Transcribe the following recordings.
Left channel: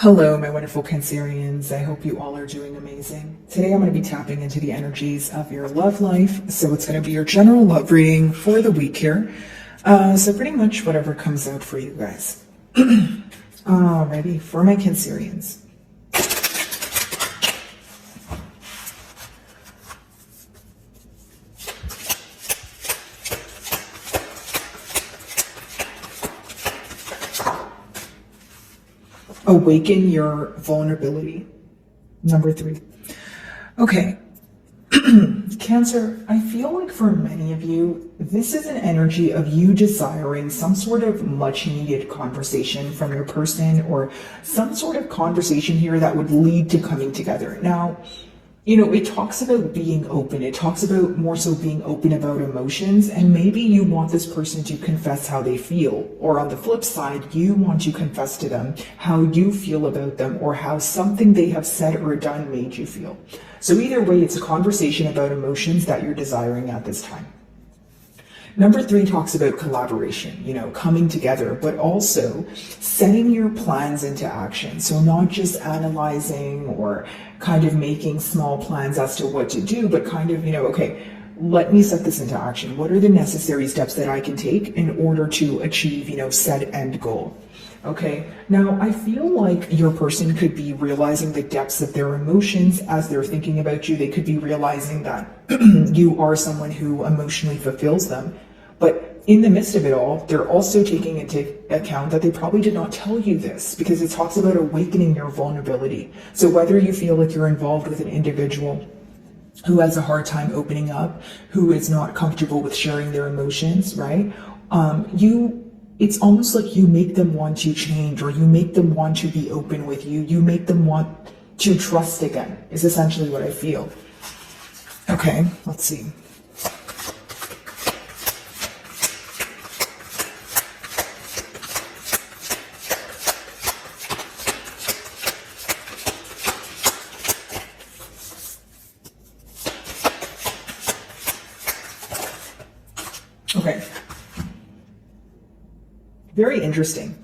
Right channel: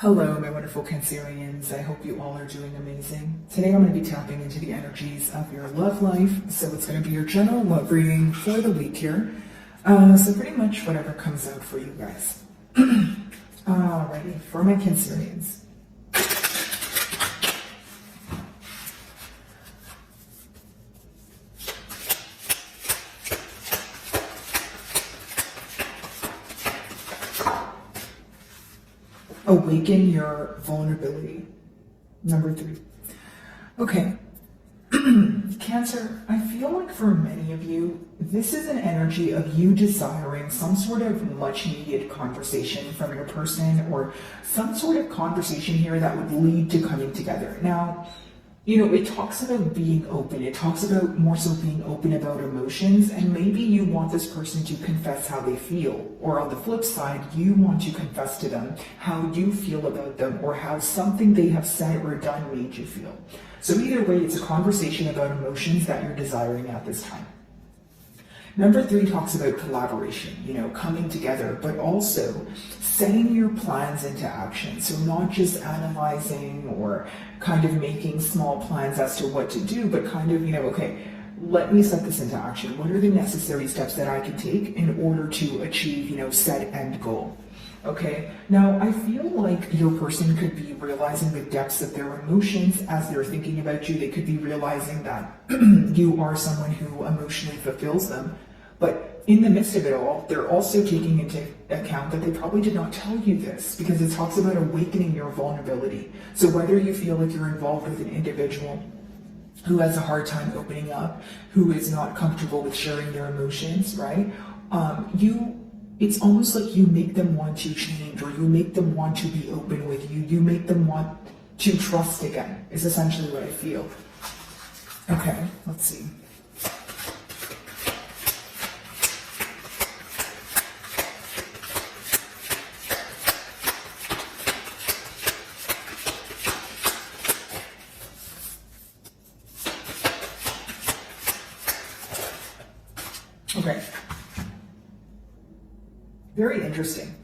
Hello, my wonderful Cancerians. I hope you all are doing amazing. Today I'm going to be tapping into the energies of your love life. So it's going to be your general love reading for the week here. So pretty much whatever comes out for you guys. Alrighty, for my Cancerians. Awaken your vulnerability. Number 3. Okay. Cancer, I feel like for many of you, this is an energy of you desiring some sort of much needed conversation from your person, or some sort of conversation here that would lead to coming together. Now, it talks about being open. It talks about more so being open about emotions, and maybe you want this person to confess how they feel, or on the flip side, you want to confess to them how you feel about them, or how something they have said or done made you feel. So either way, it's a conversation about emotions that you're desiring at this time. Number 3 talks about collaboration, coming together, but also setting your plans into action. So not just analyzing or kind of making small plans as to what to do, but kind of, okay, let me set this into action. What are the necessary steps that I can take in order to achieve, said end goal? Okay, now I feel like your person could be realizing the depths of their emotions as they're thinking about you. They could be realizing that you are someone who emotionally fulfills them. But in the midst of it all, they're also taking into account that they probably did not tell you this, because it talks about awakening your vulnerability. So whether you feel like you're involved with an individual who has a hard time opening up, who is not comfortable with sharing their emotions, right? It's almost like you make them want to change, or you make them want to be open with you. You make them want to trust again, is essentially what I feel. Okay, let's see. Okay. Very interesting.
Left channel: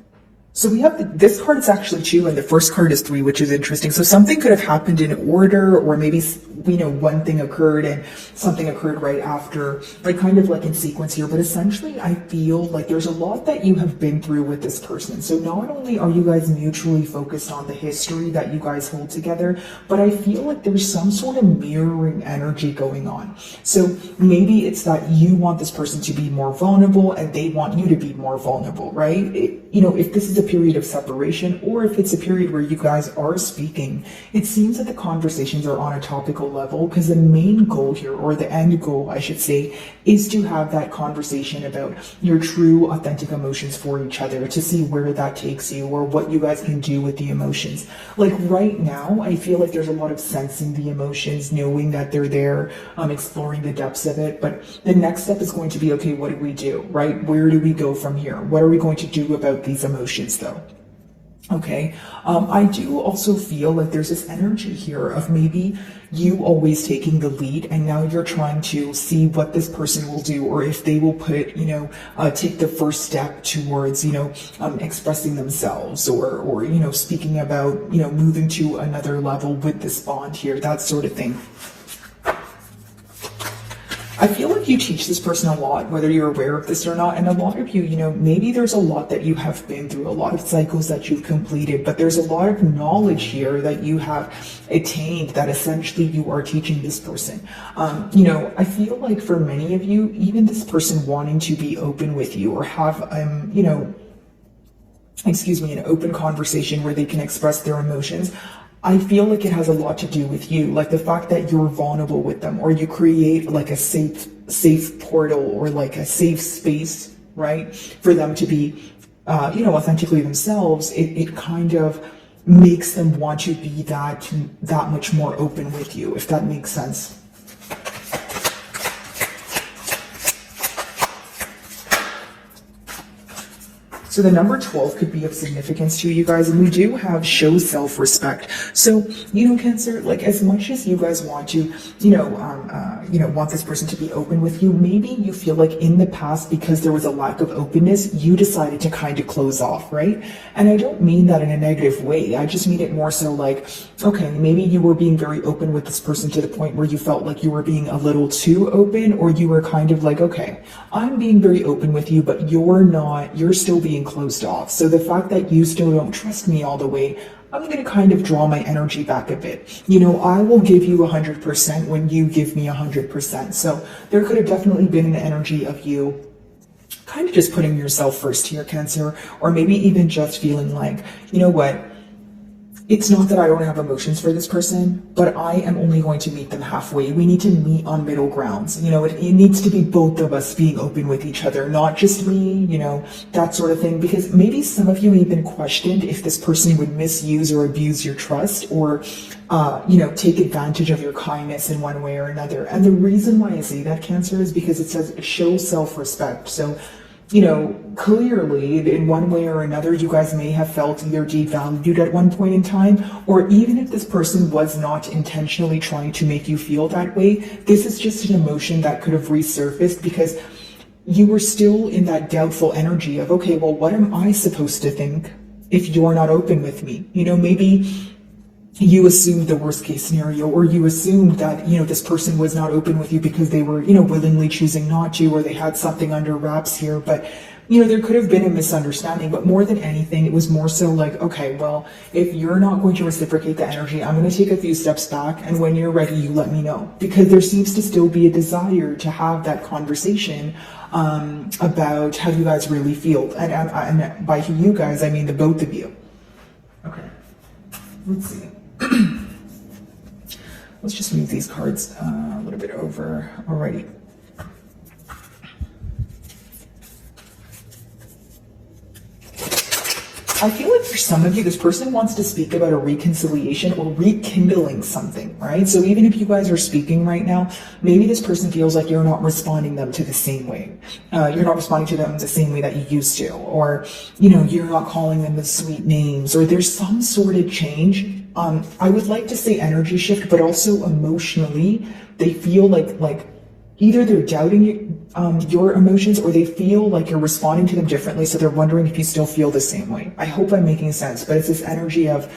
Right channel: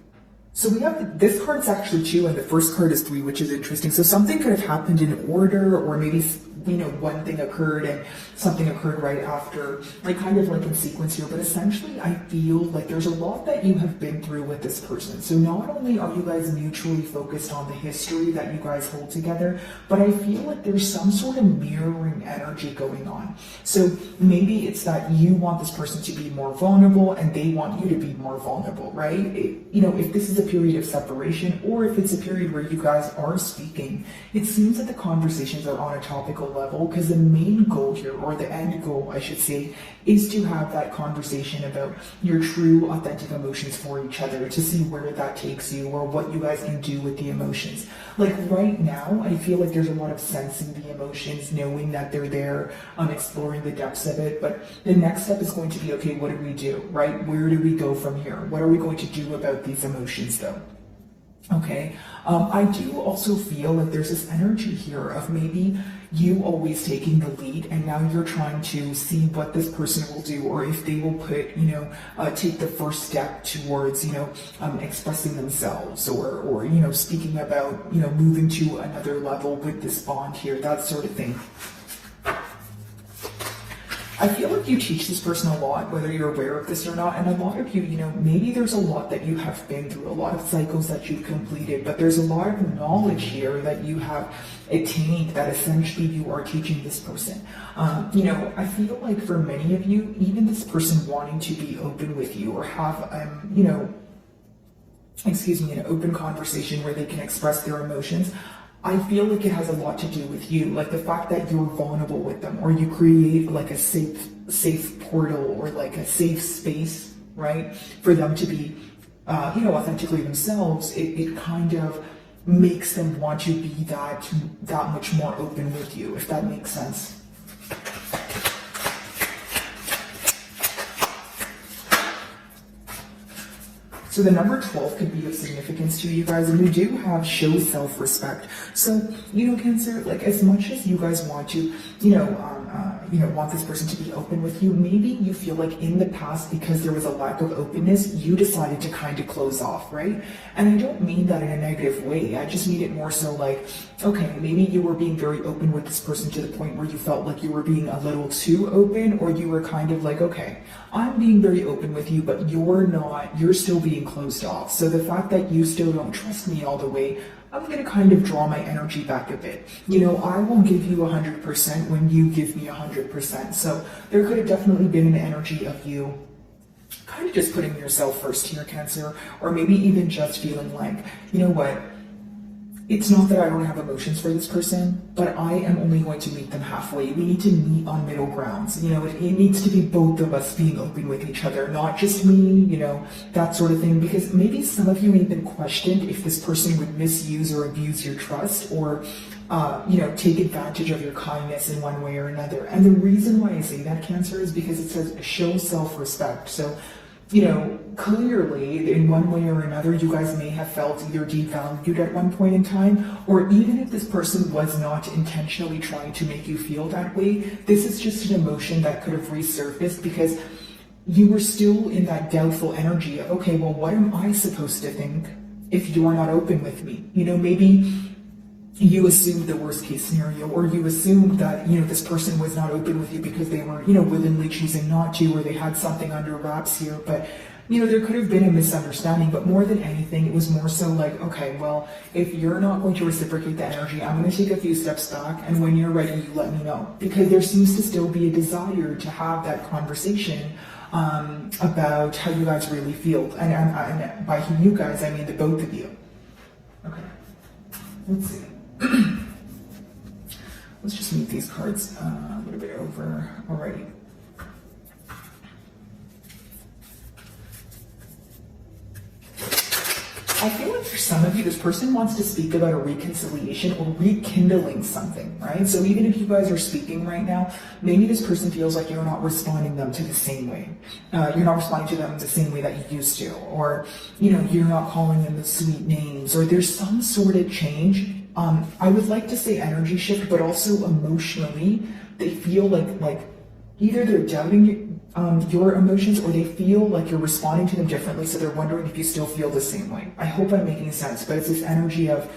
So we have this card is actually 2 and the first card is 3, which is interesting. So something could have happened in order, or maybe one thing occurred and something occurred right after, like kind of like in sequence here. But essentially, I feel like there's a lot that you have been through with this person. So not only are you guys mutually focused on the history that you guys hold together, but I feel like there's some sort of mirroring energy going on. So maybe it's that you want this person to be more vulnerable and they want you to be more vulnerable, right? If this is a period of separation, or if it's a period where you guys are speaking, it seems that the conversations are on a topical level, because the main goal here, or the end goal I should say, is to have that conversation about your true authentic emotions for each other, to see where that takes you, or what you guys can do with the emotions. Like right now, I feel like there's a lot of sensing the emotions, knowing that they're there, exploring the depths of it. But the next step is going to be, okay, what do we do, right? Where do we go from here? What are we going to do about these emotions though? Okay, I do also feel like there's this energy here of maybe you always taking the lead, and now you're trying to see what this person will do, or if they will put, take the first step towards, expressing themselves, or speaking about, moving to another level with this bond here, that sort of thing. I feel like you teach this person a lot, whether you're aware of this or not, and a lot of you, maybe there's a lot that you have been through, a lot of cycles that you've completed, but there's a lot of knowledge here that you have attained that essentially you are teaching this person. I feel like for many of you, even this person wanting to be open with you, or have, an open conversation where they can express their emotions, I feel like it has a lot to do with you, like the fact that you're vulnerable with them, or you create like a safe portal, or like a safe space, right, for them to be, authentically themselves. It kind of makes them want to be that much more open with you, if that makes sense. So the number 12 could be of significance to you guys, and we do have show self-respect. So, Cancer, like as much as you guys want to, want this person to be open with you, maybe you feel like in the past, because there was a lack of openness, you decided to kind of close off, right? And I don't mean that in a negative way. I just mean it more so like, okay, maybe you were being very open with this person to the point where you felt like you were being a little too open, or you were kind of like, okay, I'm being very open with you, but you're not, you're still being closed off. So the fact that you still don't trust me all the way, I'm going to kind of draw my energy back a bit. I will give you 100% when you give me 100%. So there could have definitely been an energy of you kind of just putting yourself first here, Cancer, or maybe even just feeling like, you know what? It's not that I don't have emotions for this person, but I am only going to meet them halfway. We need to meet on middle grounds. It needs to be both of us being open with each other, not just me, that sort of thing. Because maybe some of you even questioned if this person would misuse or abuse your trust, or, take advantage of your kindness in one way or another. And the reason why I say that, Cancer, is because it says show self-respect. So, clearly in one way or another, you guys may have felt either devalued at one point in time, or even if this person was not intentionally trying to make you feel that way, this is just an emotion that could have resurfaced because you were still in that doubtful energy of, okay, well, what am I supposed to think if you're not open with me? Maybe you assumed the worst case scenario, or you assumed that, this person was not open with you because they were, willingly choosing not to, or they had something under wraps here. But, there could have been a misunderstanding, but more than anything, it was more so like, okay, well, if you're not going to reciprocate the energy, I'm going to take a few steps back. And when you're ready, you let me know, because there seems to still be a desire to have that conversation about how you guys really feel. And by you guys, I mean the both of you. Okay, let's see. Let's just move these cards a little bit over. Alrighty. I feel like for some of you, this person wants to speak about a reconciliation or rekindling something, right? So even if you guys are speaking right now, maybe this person feels like you're not responding them to the same way. You're not responding to them the same way that you used to, or, you're not calling them the sweet names, or there's some sort of change. I would like to say energy shift, but also emotionally, they feel like either they're doubting your emotions, or they feel like you're responding to them differently, so they're wondering if you still feel the same way. I hope I'm making sense, but it's this energy of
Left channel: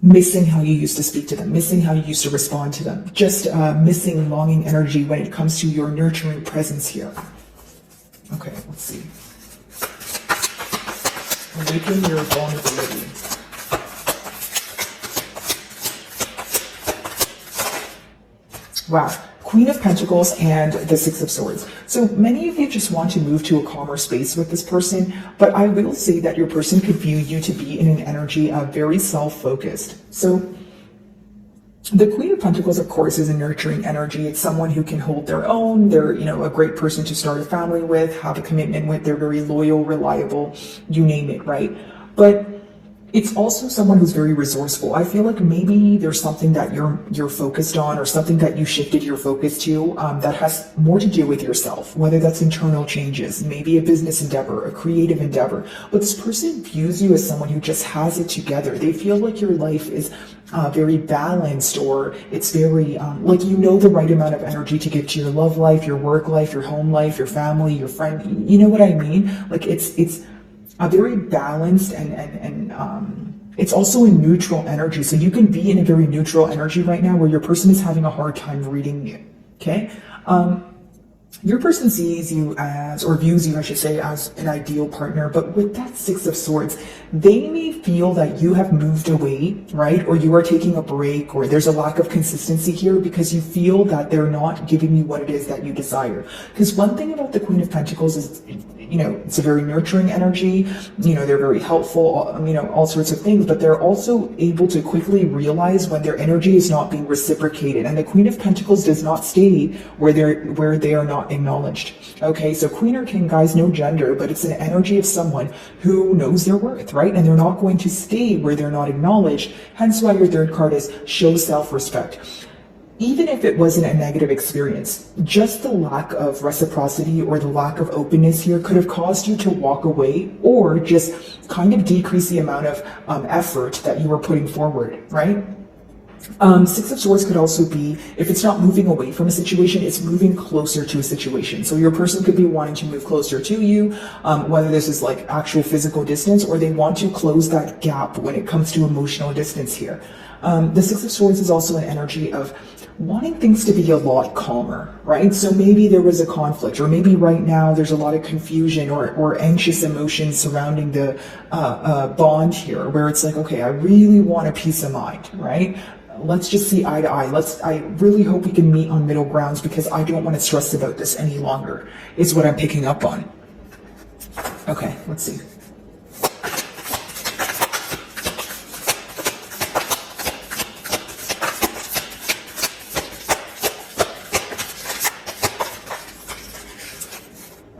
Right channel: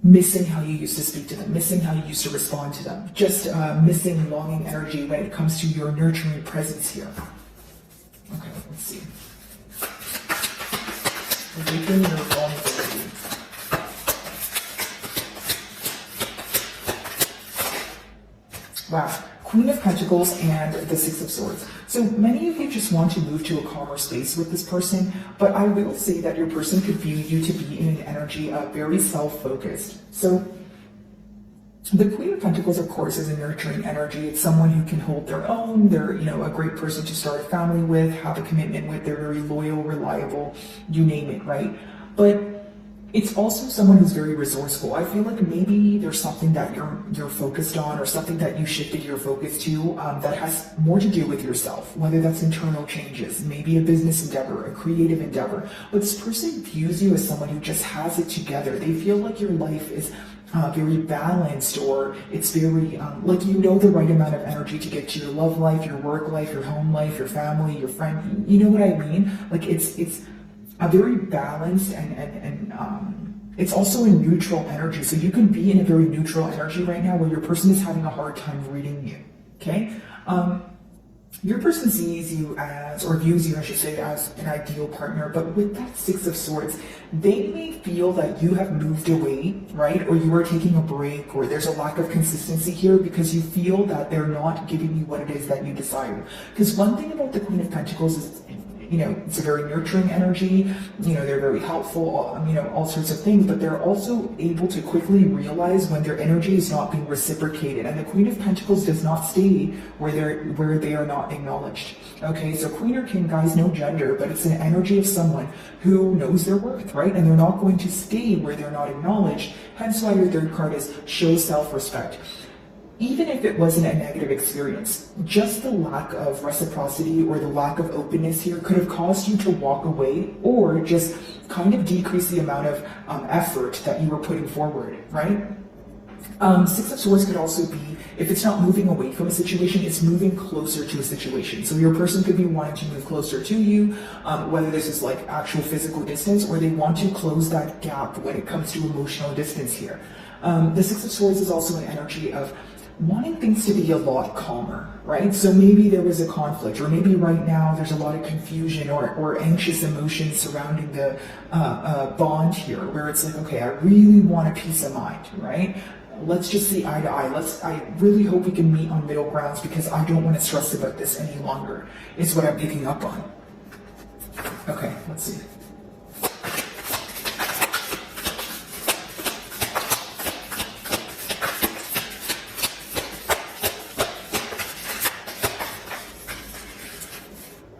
missing how you used to speak to them, missing how you used to respond to them, just missing longing energy when it comes to your nurturing presence here. Okay, let's see. Awakening your vulnerability. Wow. Queen of Pentacles and the Six of Swords. So many of you just want to move to a calmer space with this person, but I will say that your person could view you to be in an energy of very self-focused. So the Queen of Pentacles, of course, is a nurturing energy. It's someone who can hold their own. They're, a great person to start a family with, have a commitment with. They're very loyal, reliable, you name it, right? But it's also someone who's very resourceful. I feel like maybe there's something that you're focused on, or something that you shifted your focus to that has more to do with yourself, whether that's internal changes, maybe a business endeavor, a creative endeavor. But this person views you as someone who just has it together. They feel like your life is very balanced, or it's very like the right amount of energy to give to your love life, your work life, your home life, your family, your friend. You know what I mean? Like it's a very balanced and it's also a neutral energy. So you can be in a very neutral energy right now where your person is having a hard time reading you, okay? Your person sees you as, or views you, I should say, as an ideal partner, but with that Six of Swords, they may feel that you have moved away, right? Or you are taking a break, or there's a lack of consistency here because you feel that they're not giving you what it is that you desire. Because one thing about the Queen of Pentacles is, it's a very nurturing energy, they're very helpful, all sorts of things, but they're also able to quickly realize when their energy is not being reciprocated. And the Queen of Pentacles does not stay where they are not acknowledged. Okay, so Queen or King, guys, no gender, but it's an energy of someone who knows their worth, right? And they're not going to stay where they're not acknowledged. Hence why your third card is show self-respect. even if it wasn't a negative experience, just the lack of reciprocity or the lack of openness here could have caused you to walk away or just kind of decrease the amount of effort that you were putting forward, right? Six of Swords could also be, if it's not moving away from a situation, it's moving closer to a situation. So your person could be wanting to move closer to you, whether this is like actual physical distance or they want to close that gap when it comes to emotional distance here. The Six of Swords is also an energy of wanting things to be a lot calmer, right? So maybe there was a conflict, or maybe right now there's a lot of confusion or anxious emotions surrounding the bond here, where it's like, okay, I really want a peace of mind, right? Let's just see eye to eye. I really hope we can meet on middle grounds because I don't want to stress about this any longer, is what I'm picking up on. Okay, let's see.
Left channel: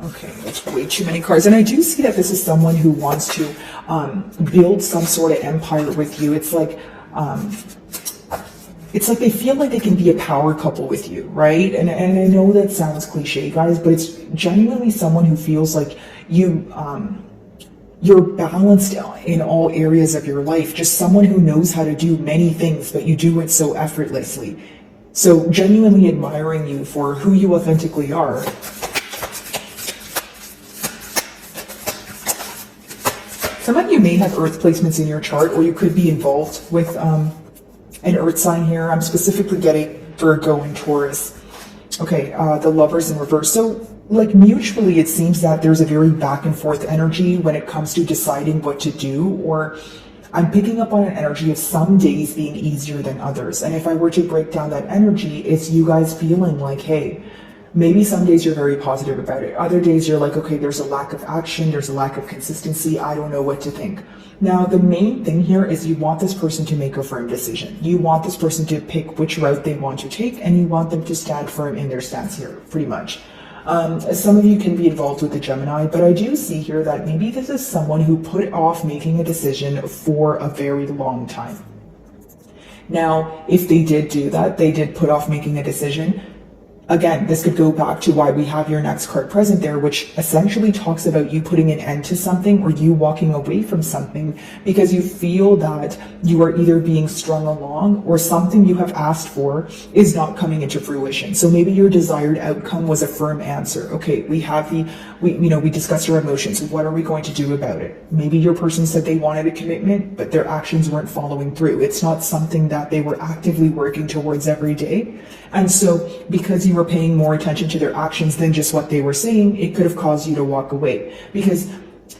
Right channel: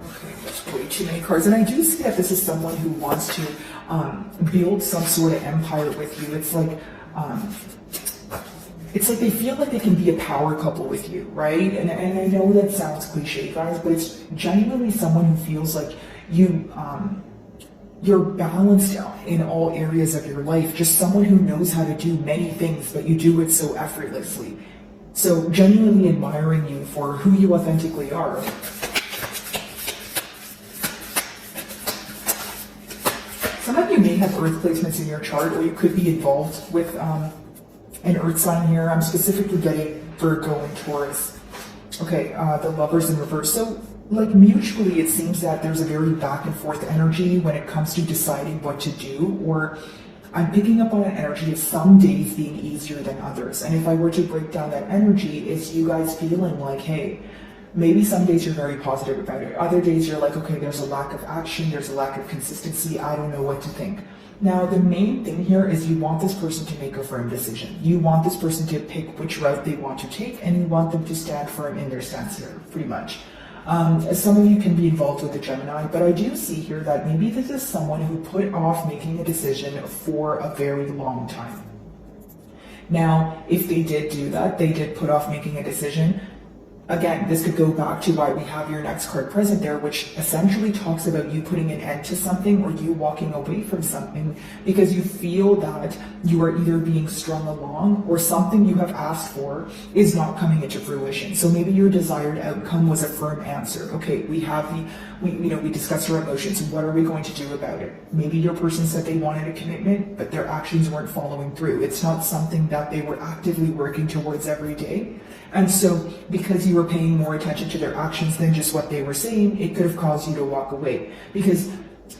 Okay, that's way too many cards. And I do see that this is someone who wants to build some sort of empire with you. It's like they feel like they can be a power couple with you, right? And I know that sounds cliche, guys, but it's genuinely someone who feels like you're balanced in all areas of your life. Just someone who knows how to do many things, but you do it so effortlessly. So genuinely admiring you for who you authentically are. Some of you may have earth placements in your chart, or you could be involved with an earth sign here. I'm specifically getting Virgo and Taurus. Okay, the Lovers in reverse. So, like, mutually, it seems that there's a very back and forth energy when it comes to deciding what to do, or I'm picking up on an energy of some days being easier than others. And if I were to break down that energy, it's you guys feeling like, hey, maybe some days you're very positive about it. Other days you're like, okay, there's a lack of action, there's a lack of consistency, I don't know what to think. Now, the main thing here is you want this person to make a firm decision. You want this person to pick which route they want to take, and you want them to stand firm in their stance here, pretty much. Some of you can be involved with the Gemini, but I do see here that maybe this is someone who put off making a decision for a very long time. Now, if they did do that, they did put off making a decision. Again, this could go back to why we have your next card present there, which essentially talks about you putting an end to something or you walking away from something because you feel that you are either being strung along or something you have asked for is not coming into fruition. So maybe your desired outcome was a firm answer. Okay, we discussed your emotions. What are we going to do about it? Maybe your person said they wanted a commitment, but their actions weren't following through. It's not something that they were actively working towards every day. And so because you were paying more attention to their actions than just what they were saying, it could have caused you to walk away. Because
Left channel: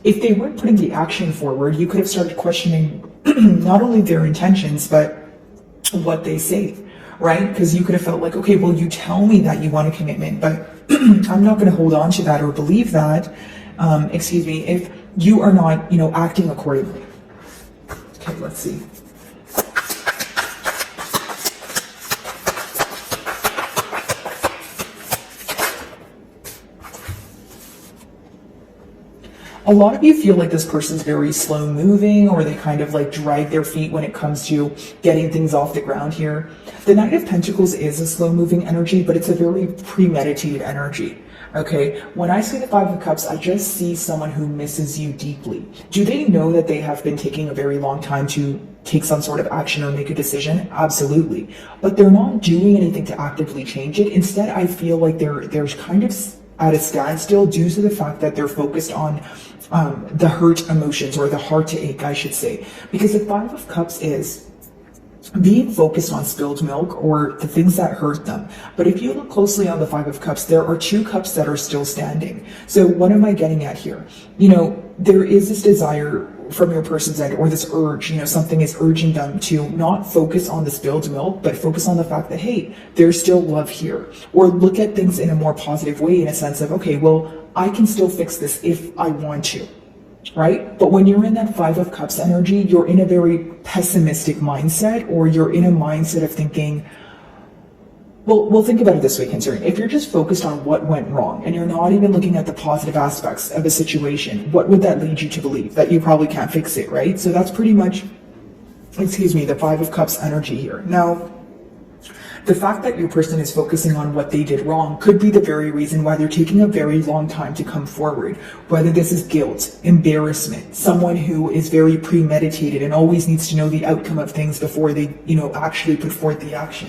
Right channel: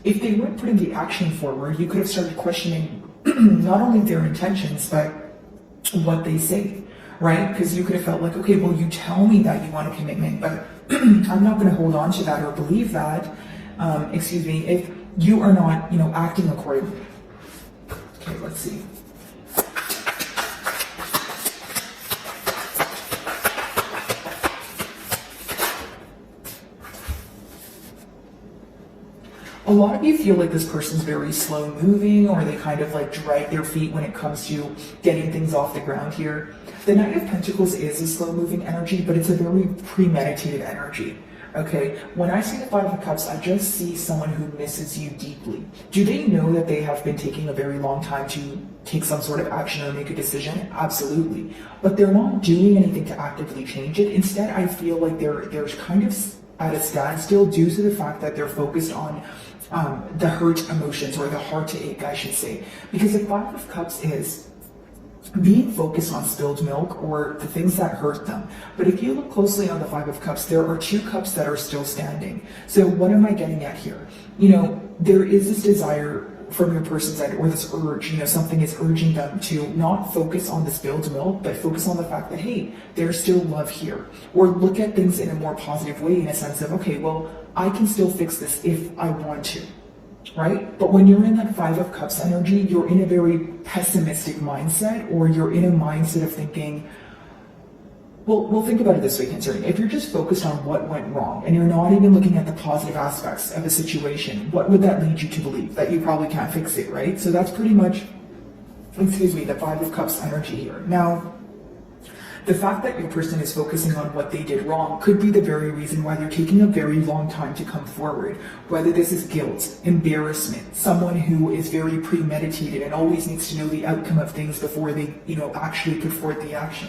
if they weren't putting the action forward, you could have started questioning not only their intentions, but what they say, right? Because you could have felt like, okay, well, you tell me that you want a commitment, but I'm not going to hold on to that or believe that, if you are not, acting accordingly. Okay, let's see. A lot of you feel like this person's very slow moving, or they kind of like drag their feet when it comes to getting things off the ground here. The Knight of Pentacles is a slow moving energy, but it's a very premeditated energy. Okay, when I say the Five of Cups, I just see someone who misses you deeply. Do they know that they have been taking a very long time to take some sort of action or make a decision? Absolutely. But they're not doing anything to actively change it. Instead, I feel like they're kind of at a standstill due to the fact that they're focused on the hurt emotions, or the heart to ache, I should say. Because the Five of Cups is being focused on spilled milk or the things that hurt them. But if you look closely on the Five of Cups, there are two cups that are still standing. So what am I getting at here? There is this desire from your person's end, or this urge, something is urging them to not focus on the spilled milk, but focus on the fact that, hey, there's still love here. Or look at things in a more positive way, in a sense of, okay, well, I can still fix this if I want to, right? But when you're in that Five of Cups energy, you're in a very pessimistic mindset, or you're in a mindset of thinking, well, think about it this way, Cancer. If you're just focused on what went wrong and you're not even looking at the positive aspects of a situation, what would that lead you to believe? That you probably can't fix it, right? So that's pretty much, the Five of Cups energy here. Now, the fact that your person is focusing on what they did wrong could be the very reason why they're taking a very long time to come forward. Whether this is guilt, embarrassment, someone who is very premeditated and always needs to know the outcome of things before they, actually put forth the action.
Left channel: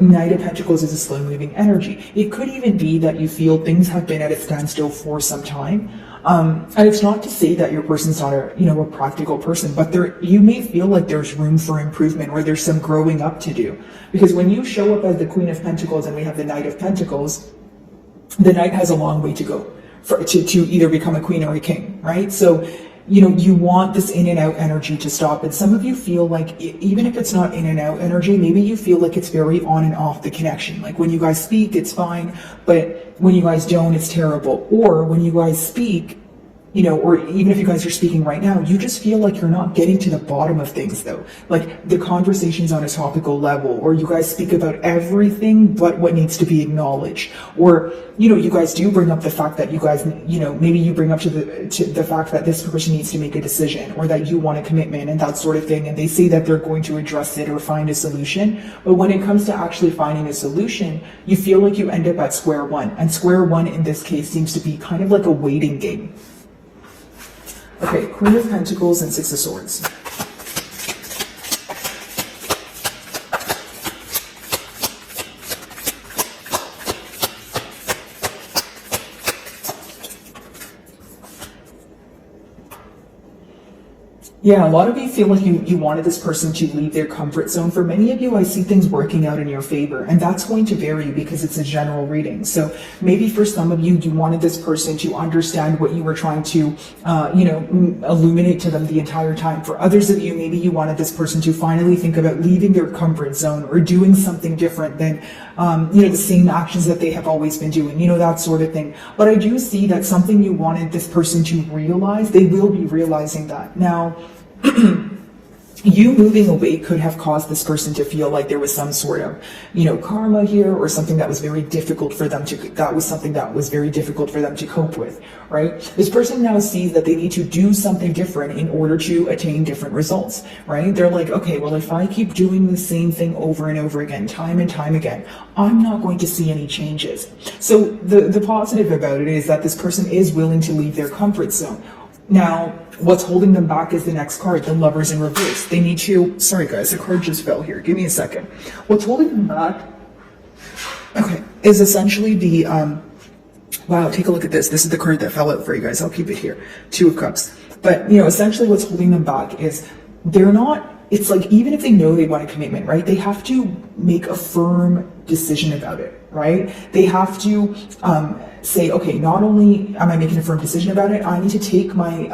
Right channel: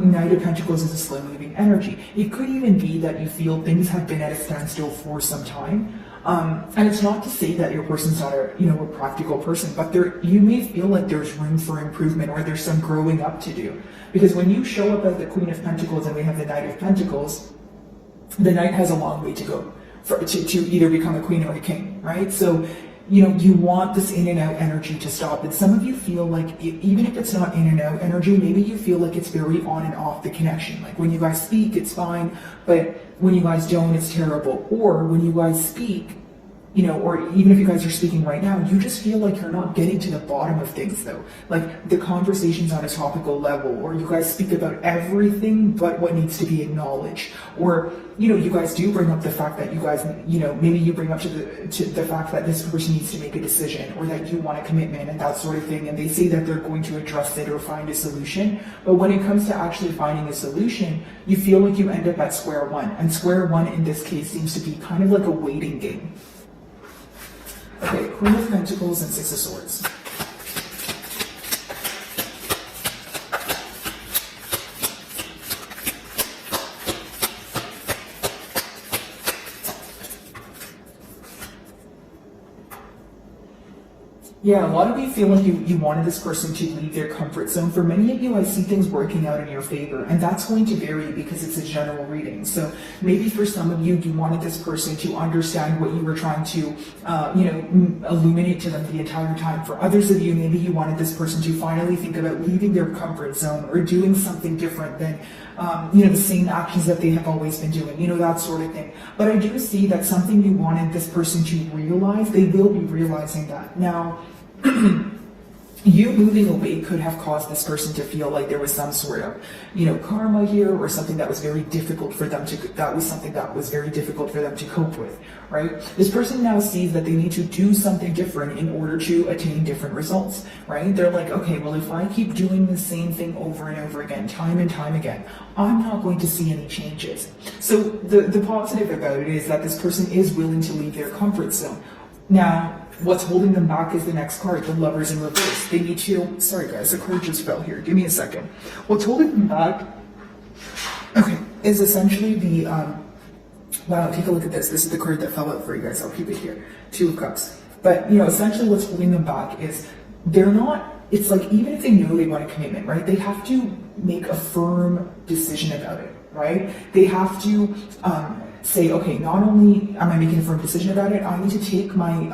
Knight of Pentacles is a slow moving energy. It could even be that you feel things have been at a standstill for some time. And it's not to say that your person's not a practical person, but you may feel like there's room for improvement or there's some growing up to do. Because when you show up as the Queen of Pentacles and we have the Knight of Pentacles, the Knight has a long way to go to either become a queen or a king, right? So, you want this in and out energy to stop. And some of you feel like even if it's not in and out energy, maybe you feel like it's very on and off the connection. Like when you guys speak, it's fine, but when you guys don't, it's terrible. Or when you guys speak, or even if you guys are speaking right now, you just feel like you're not getting to the bottom of things though. Like the conversation's on a topical level, or you guys speak about everything but what needs to be acknowledged. Or, you guys do bring up the fact that you guys, maybe you bring up to the fact that this person needs to make a decision or that you want a commitment and that sort of thing. And they say that they're going to address it or find a solution. But when it comes to actually finding a solution, you feel like you end up at square one. And square one in this case seems to be kind of like a waiting game. Okay, Queen of Pentacles and Six of Swords. Yeah, a lot of you feel like you wanted this person to leave their comfort zone. For many of you, I see things working out in your favor, and that's going to vary because it's a general reading. So maybe for some of you, you wanted this person to understand what you were trying to, illuminate to them the entire time. For others of you, maybe you wanted this person to finally think about leaving their comfort zone or doing something different than, the same actions that they have always been doing, that sort of thing. But I do see that something you wanted this person to realize, they will be realizing that. Now, you moving away could have caused this person to feel like there was some sort of, karma here, or something that was very difficult for them to cope with, right? This person now sees that they need to do something different in order to attain different results, right? They're like, okay, well, if I keep doing the same thing over and over again, time and time again, I'm not going to see any changes. So the positive about it is that this person is willing to leave their comfort zone. Now, what's holding them back is the next card, the Lovers in reverse. They need to, sorry guys, the card just fell here. Give me a second. What's holding them back, is essentially the, wow, take a look at this. This is the card that fell out for you guys. I'll keep it here. Two of Cups. But, essentially what's holding them back is it's like, even if they know they want a commitment, right? They have to make a firm decision about it, right? They have to, say, okay, not only am I making a firm decision about it, I need to take my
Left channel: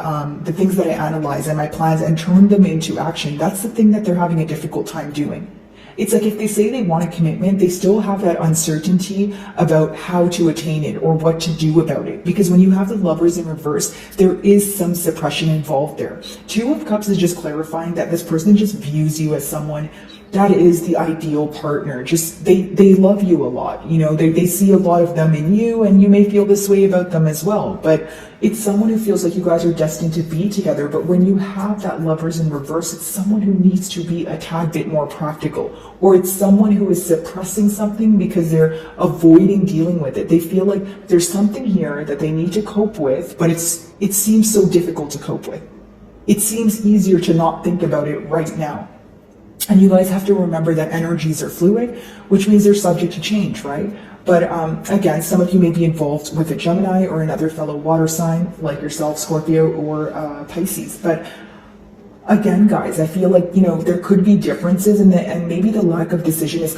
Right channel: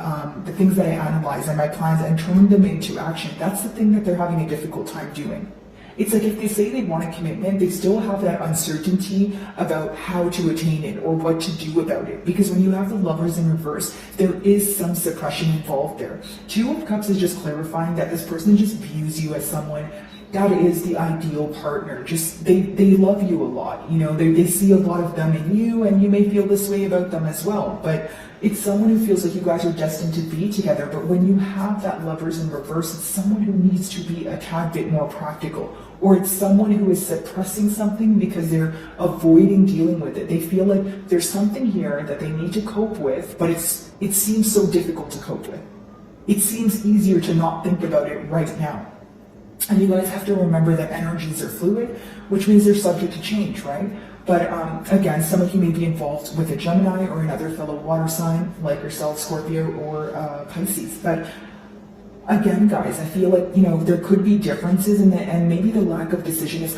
the things that I analyze and my plans and turn them into action. That's the thing that they're having a difficult time doing. It's like if they say they want a commitment, they still have that uncertainty about how to attain it or what to do about it. Because when you have the Lovers in reverse, there is some suppression involved there. Two of Cups is just clarifying that this person just views you as someone that is the ideal partner. Just they love you a lot. They see a lot of them in you, and you may feel this way about them as well. But it's someone who feels like you guys are destined to be together. But when you have that Lovers in reverse, it's someone who needs to be a tad bit more practical. Or it's someone who is suppressing something because they're avoiding dealing with it. They feel like there's something here that they need to cope with, but it seems so difficult to cope with. It seems easier to not think about it right now. And you guys have to remember that energies are fluid, which means they're subject to change, right? But again, some of you may be involved with a Gemini or another fellow water sign like yourself, Scorpio or Pisces. But again, guys, I feel like, there could be differences and maybe the lack of decision is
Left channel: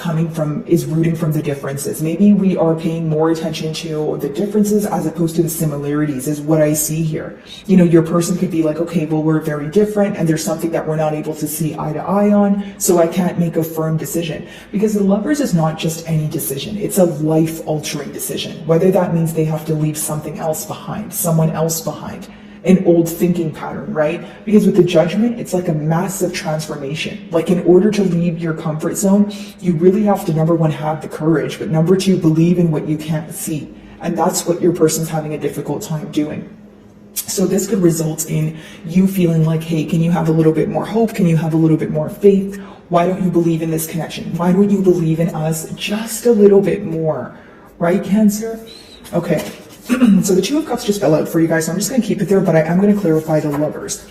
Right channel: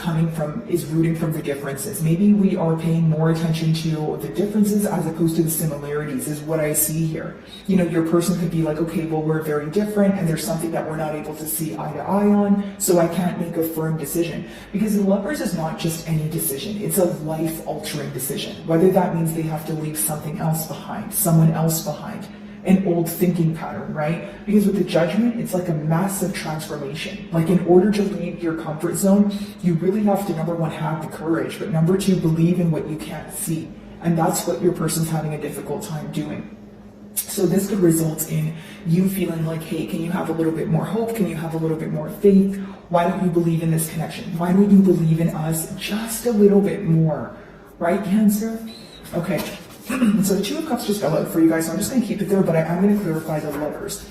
rooting from the differences. Maybe we are paying more attention to the differences as opposed to the similarities is what I see here. Your person could be like, okay, well, we're very different and there's something that we're not able to see eye to eye on, so I can't make a firm decision. Because the Lovers is not just any decision, it's a life-altering decision. Whether that means they have to leave something else behind, someone else behind, an old thinking pattern, right? Because with the Judgment, it's like a massive transformation. Like in order to leave your comfort zone, you really have to, number one, have the courage, but number two, believe in what you can't see. And that's what your person's having a difficult time doing. So this could result in you feeling like, hey, can you have a little bit more hope? Can you have a little bit more faith? Why don't you believe in this connection? Why don't you believe in us just a little bit more? Right, Cancer? Okay. So the Two of Cups just fell out for you guys, so I'm just going to keep it there, but I'm going to clarify the Lovers.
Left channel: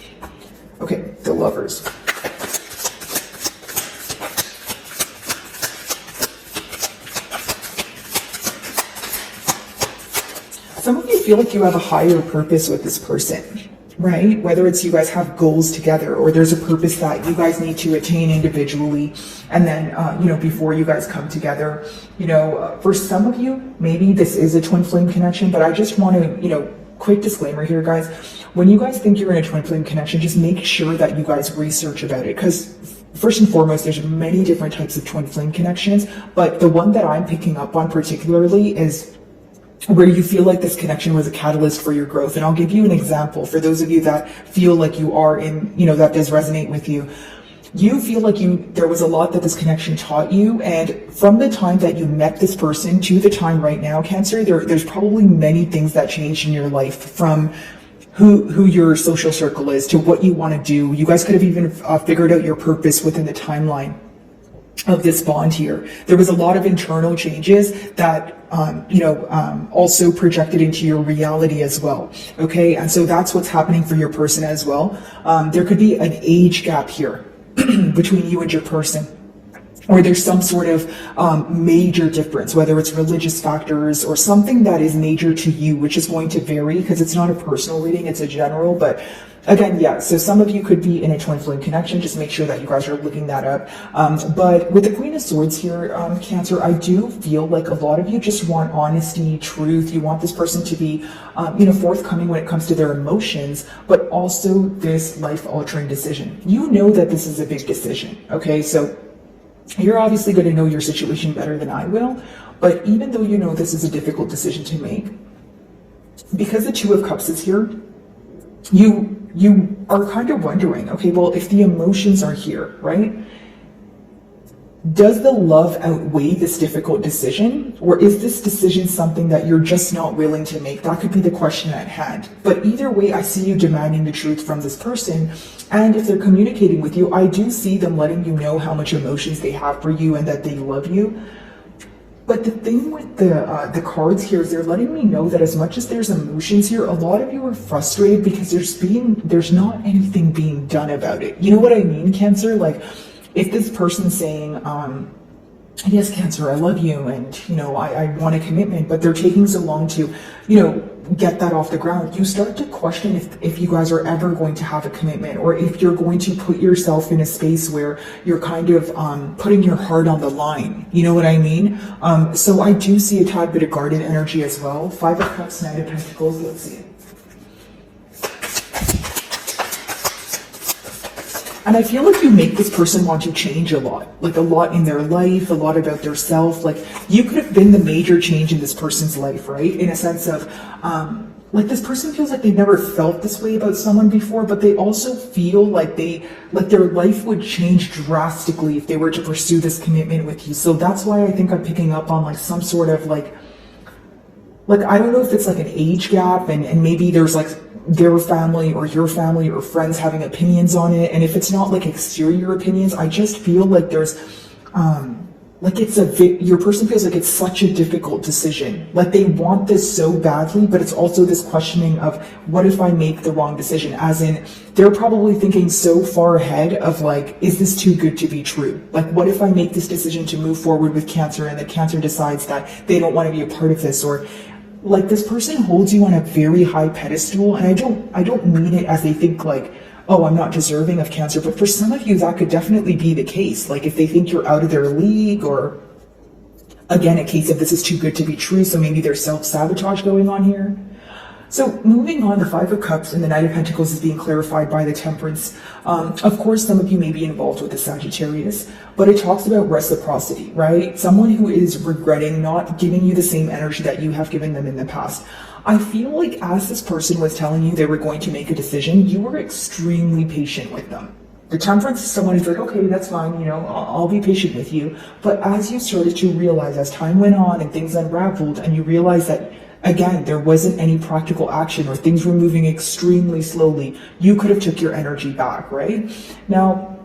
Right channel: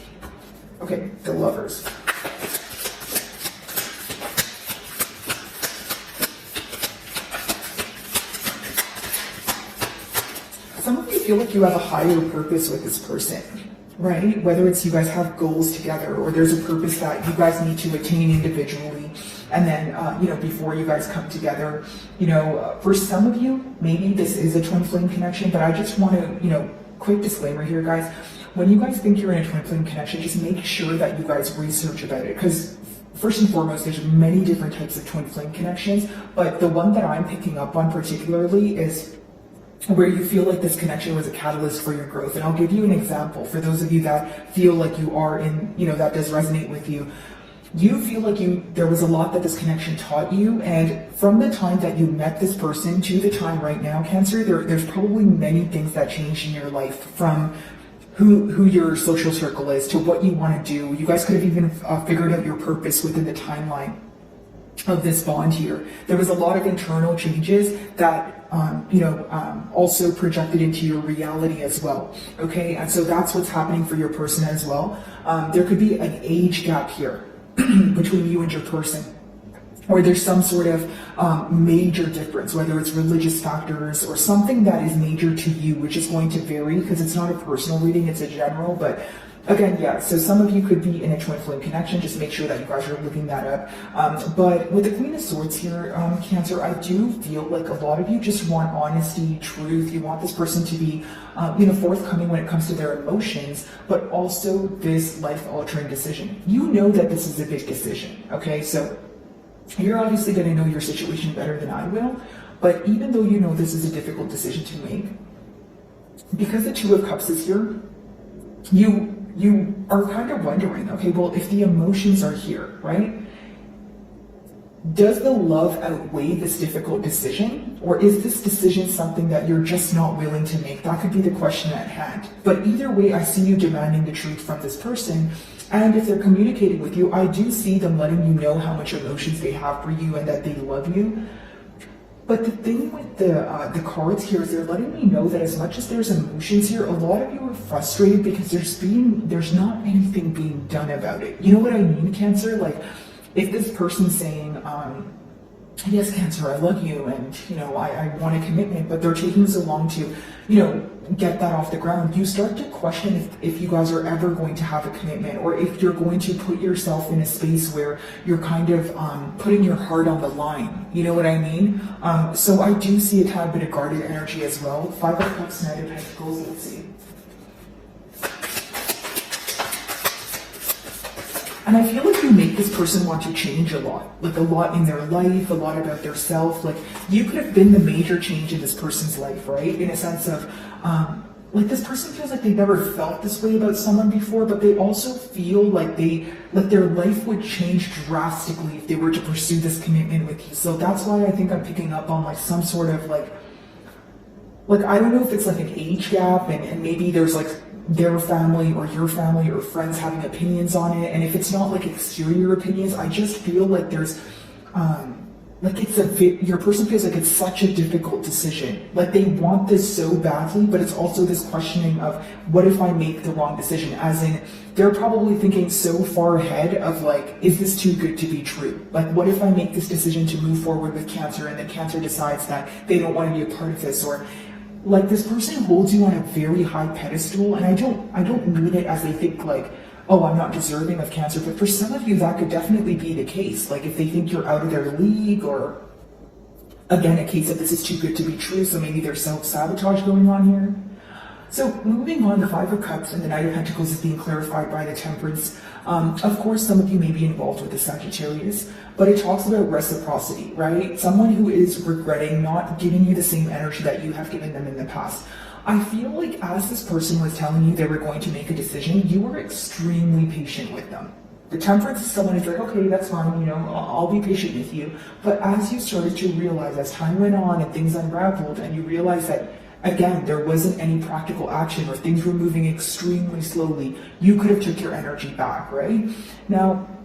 Okay, the Lovers. Some of you feel like you have a higher purpose with this person, right? Whether it's you guys have goals together or there's a purpose that you guys need to attain individually. And then, before you guys come together, for some of you, maybe this is a twin flame connection, but I just want to, quick disclaimer here, guys. When you guys think you're in a twin flame connection, just make sure that you guys research about it. Because first and foremost, there's many different types of twin flame connections, but the one that I'm picking up on particularly is where you feel like this connection was a catalyst for your growth. And I'll give you an example for those of you that feel like you are in, that does resonate with you. You feel like there was a lot that this connection taught you. And from the time that you met this person to the time right now, Cancer, there's probably many things that changed in your life, from who your social circle is to what you want to do. You guys could have even figured out your purpose within the timeline of this bond here. There was a lot of internal changes that also projected into your reality as well. Okay, and so that's what's happening for your person as well. There could be an age gap here between you and your person, or there's some sort of major difference, whether it's religious factors or something that is major to you, which is going to vary because it's not a personal reading, it's a general. But again, yeah, so some of you could be in a twin flame connection. Just make sure that you guys are looking that up. But with the Queen of Swords here, Cancer, I do feel like a lot of you just want honesty, truth. You want this person to be, forthcoming when it comes to their emotions, but also this life-altering decision. You know that this is a big decision, okay? So you're obviously going to know your situation better than I will, but even though you know this is a difficult decision to make, because the Two of Cups is here, you are kind of wondering, okay, well, if the emotions are here, right? Does the love outweigh this difficult decision? Or is this decision something that you're just not willing to make? That could be the question at hand. But either way, I see you demanding the truth from this person. And if they're communicating with you, I do see them letting you know how much emotions they have for you and that they love you. But the thing with the cards here is they're letting me know that as much as there's emotions here, a lot of you are frustrated because there's not anything being done about it. You know what I mean, Cancer? Like, if this person's saying, yes, Cancer, I love you, and I want a commitment, but they're taking so long to, get that off the ground, you start to question if you guys are ever going to have a commitment, or if you're going to put yourself in a space where you're kind of putting your heart on the line. You know what I mean? So I do see a tad bit of guarded energy as well. Five of Cups, Knight of Pentacles, let's see. And I feel like you make this person want to change a lot in their life, a lot about their self. Like, you could have been the major change in this person's life, right? In a sense of, this person feels like they've never felt this way about someone before, but they also feel like their life would change drastically if they were to pursue this commitment with you. So that's why I think I'm picking up on some sort of I don't know if it's an age gap, and maybe there's their family or your family or friends having opinions on it. And if it's not exterior opinions, I just feel like there's your person feels like it's such a difficult decision. Like, they want this so badly, but it's also this questioning of, what if I make the wrong decision? As in, they're probably thinking so far ahead of is this too good to be true? What if I make this decision to move forward with Cancer, and the Cancer decides that they don't want to be a part of this? Or this person holds you on a very high pedestal, and I don't mean it as they think oh, I'm not deserving of Cancer, but for some of you that could definitely be the case. If they think you're out of their league, or again, a case of this is too good to be true, so maybe there's self-sabotage going on here. So moving on, the Five of Cups and the Knight of Pentacles is being clarified by the Temperance. Of course, some of you may be involved with the Sagittarius, but it talks about reciprocity, right? Someone who is regretting not giving you the same energy that you have given them in the past. I feel like as this person was telling you they were going to make a decision, you were extremely patient with them. The Temperance is someone who's okay, that's fine, I'll be patient with you. But as you started to realize, as time went on and things unraveled, and you realize that Again, there wasn't any practical action or things were moving extremely slowly. You could have took your energy back, right? Now,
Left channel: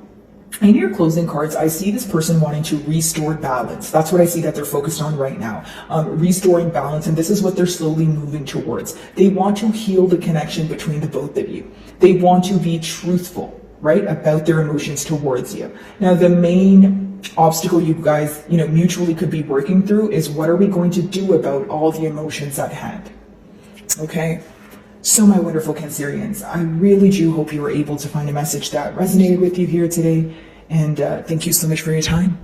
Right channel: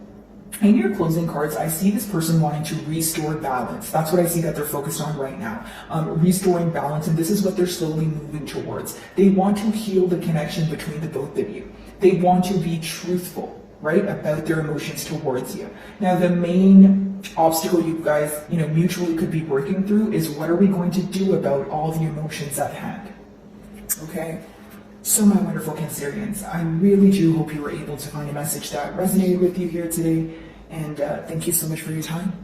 in your closing cards, I see this person wanting to restore balance. That's what I see that they're focused on right now. Restoring balance, and this is what they're slowly moving towards. They want to heal the connection between the both of you. They want to be truthful, right, about their emotions towards you. Now, the main obstacle you guys, mutually could be working through is what are we going to do about all the emotions at hand? Okay? So my wonderful Cancerians, I really do hope you were able to find a message that resonated with you here today. And thank you so much for your time.